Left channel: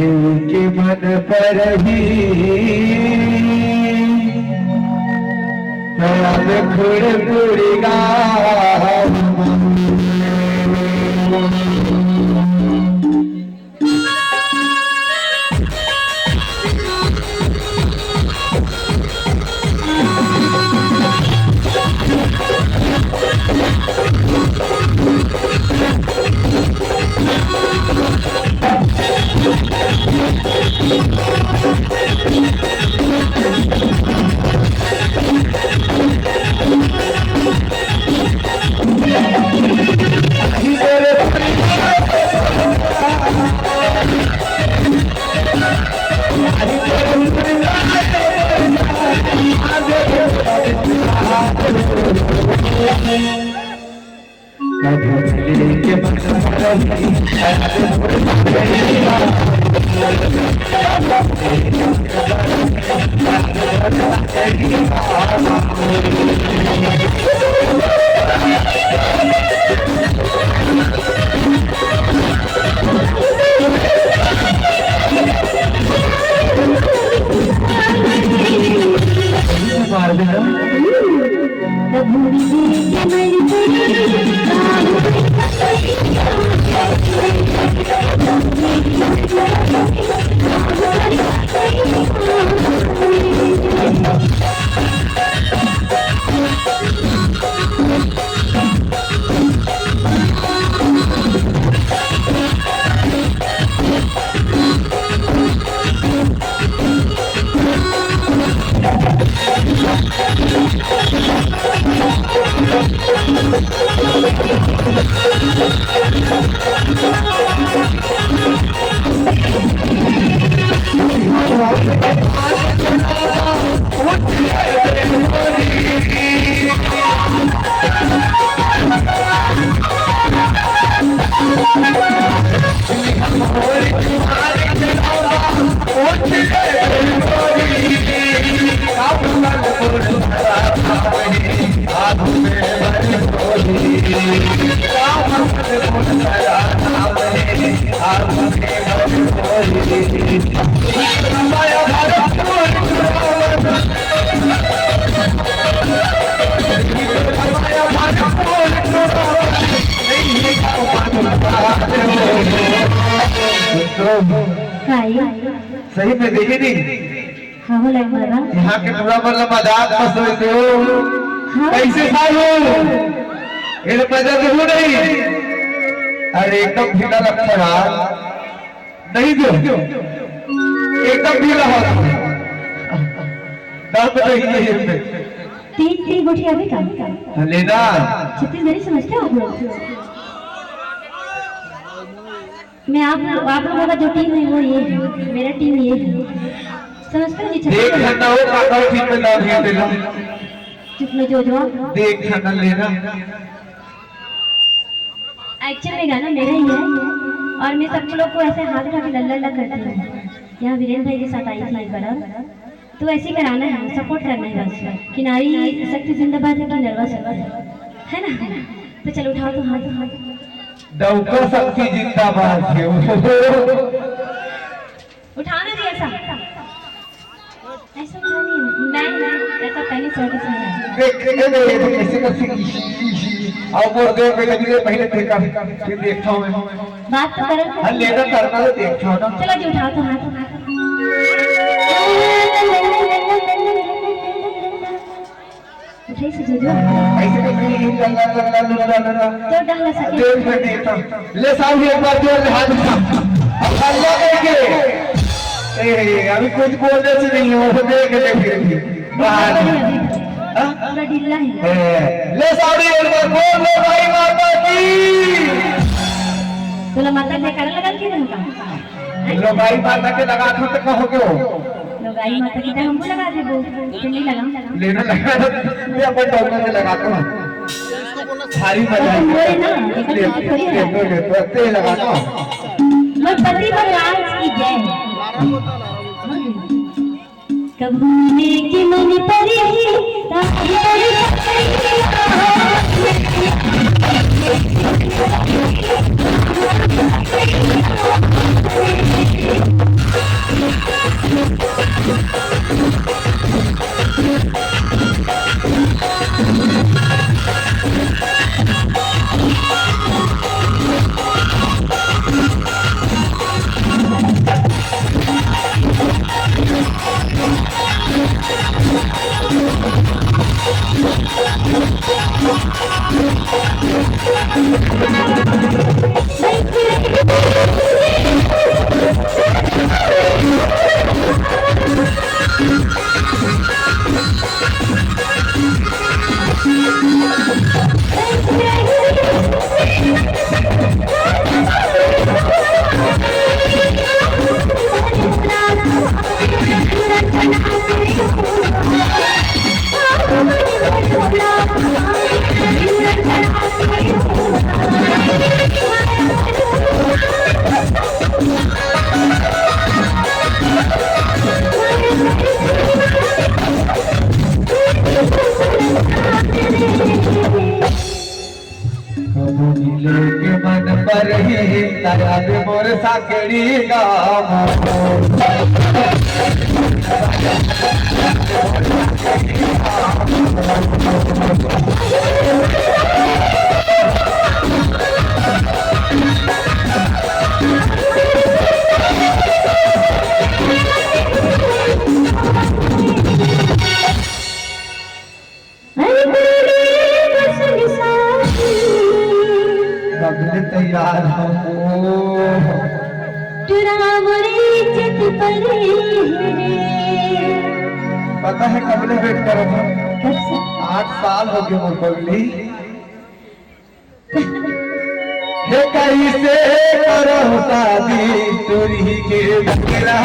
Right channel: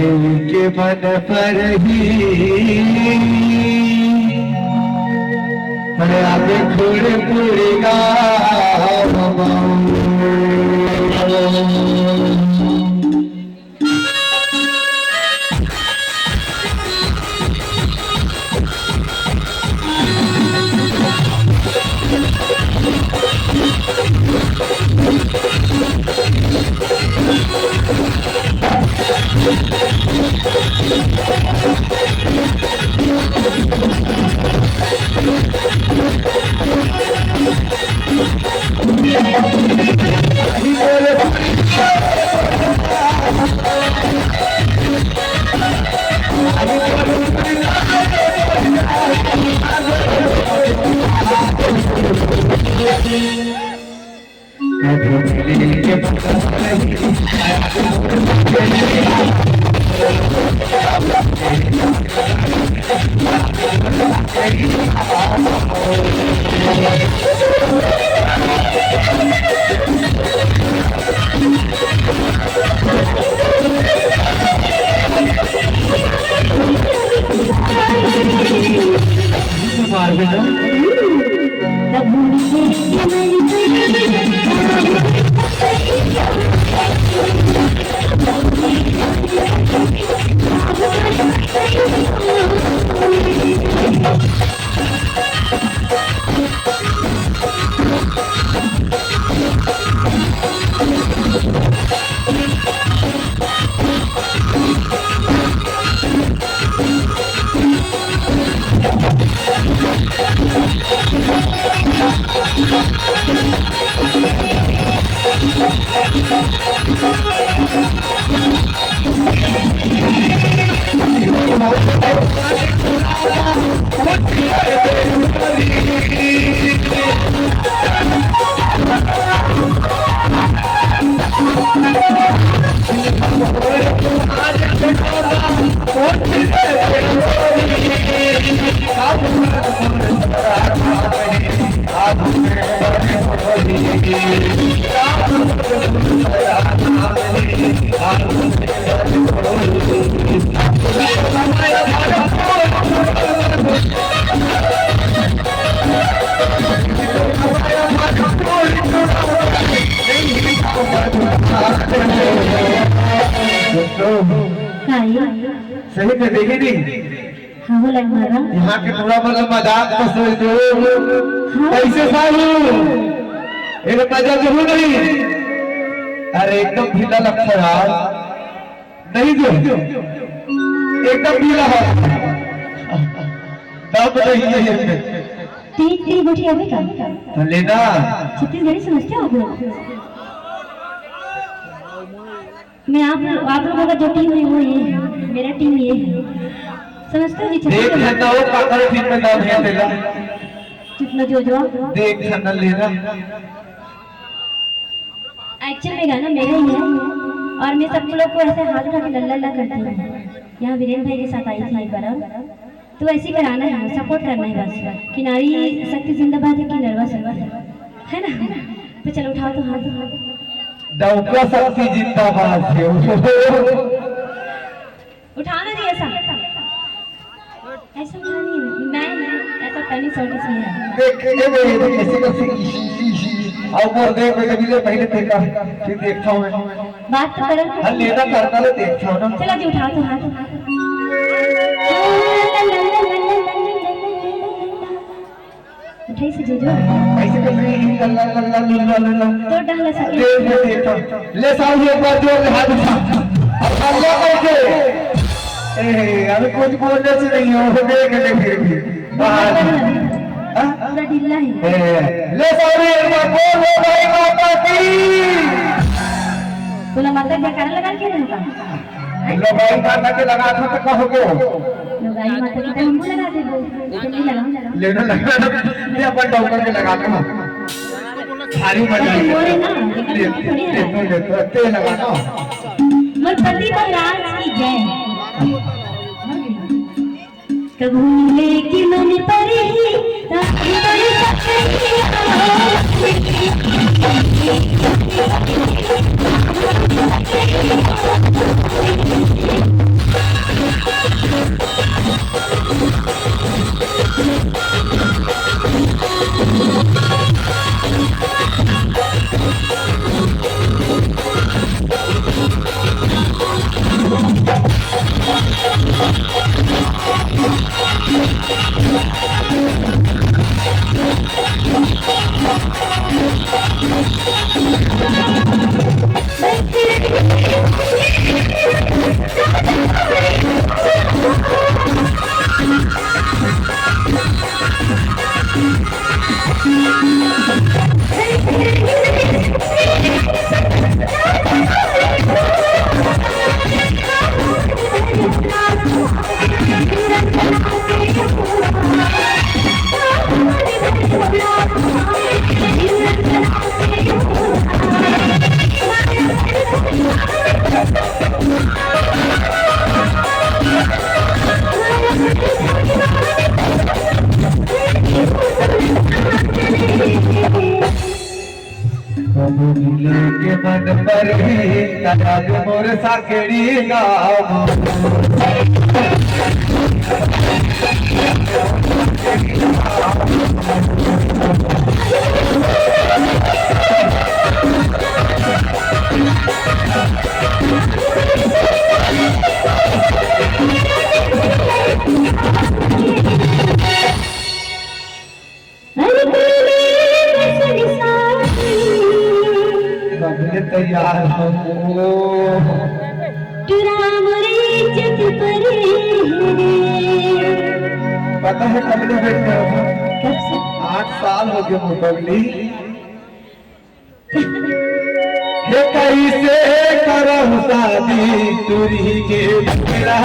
के मन पर ही अब खुड़ गा सही में देखी नहीं। हाँ बोला हमारा यहाँ के पूरा मतलब मजाक पसंद हो कैसे साहू ये मजाक हो नहीं। अरे एकदम ढीला लगता है नहीं जो एकदम ढीला हो दाम नहीं है। तीन गोटी अभी का लेना छत्तीसगढ़ी समझते हो आप लोग? मैं आप लोगों का जो टीम है वो ये है, मेरा टीम ये है, समझते हो जी? देख लेना हो काका ठीक में नाम है तेरा कितना जो देख लेना लेना। एक्चुअली में गाना मेरा ही है और मैं सब लोग को ऐसे हाथ उठा के लल्ला लल्ला करती हूँ। यहाँ वीरेंद्र भाई के साथ आई थी एक बार, तो ऐसे ही कराना है, सपोर्ट करना है बस कि नारी शक्ति जिंदाबाद है कि नर्वस है ना। तो चलो उठाओ तो हाथ डौका शक्ति जिंदाबाद है उठाना जी ऐसा ऐसा नहीं मैं ऐसा पहले छोटे से है देख कैसे कैसे और वो देख के लगी पहले देखा फिर देखता हूं मैं बात तो करो हल लेना करना तो देखो ना। चलो जी उठाओ तो हाथ उठाई से जो ऐसे कैसे लल्ला तो डाल सके देखो ले साहब एक बार जोर से हाथ उठा अब ले के अभी कुछ बोलने से नहीं हो देख ले फिर बाहर पूरा ढीला है। ले साड़ी एक बार बोल लो भाई माता की बोला माता जयकारा लगा के देगा लो भाई माता के लगा दो तो कहोगे लो भाई माता की हमको लगा दे वो नहीं लगा लेना लगा ये अपन डॉक्टर के लगा दो सारी मजा बोले ना ले तेल लगा दो बस पति भगवान की जय कबूले की मन पर ही दया दे मोर साकेड़ी गाँव कभी तैयार हो पता है कब ने वेट कर रहा हूँ 8 साल हो गए मुकबली हे कैसे करो शादी तुरी के मेरा